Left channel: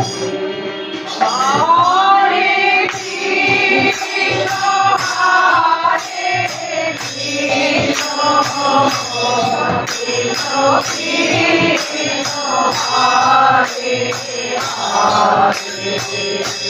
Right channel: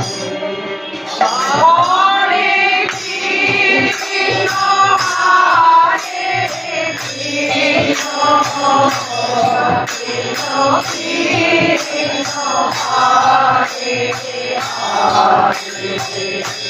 Hare Hare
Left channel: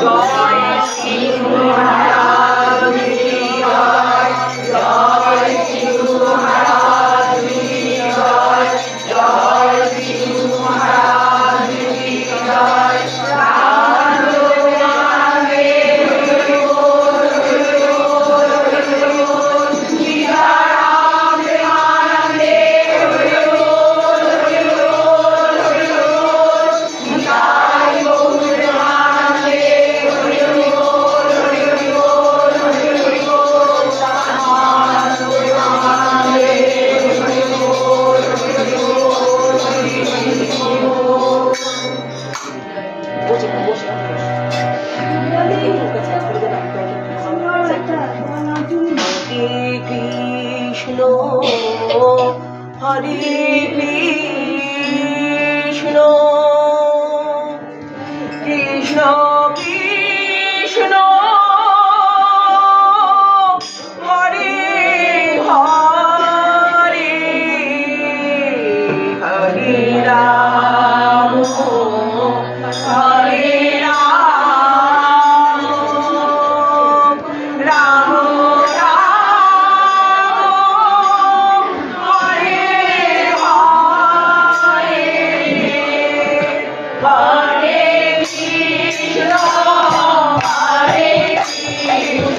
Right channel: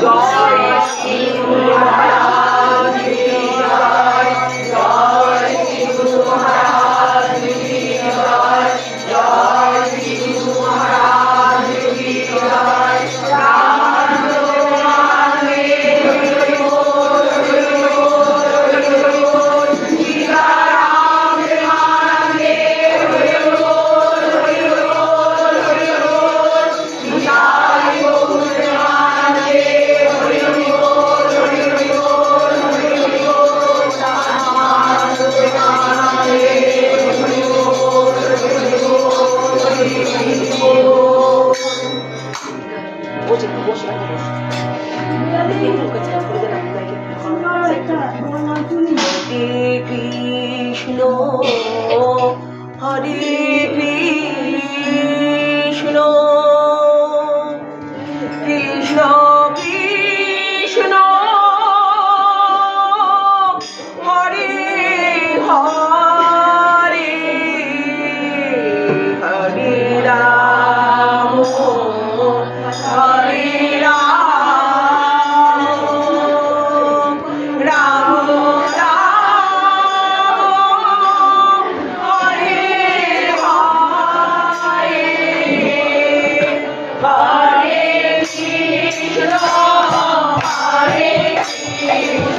Joy Shri Hare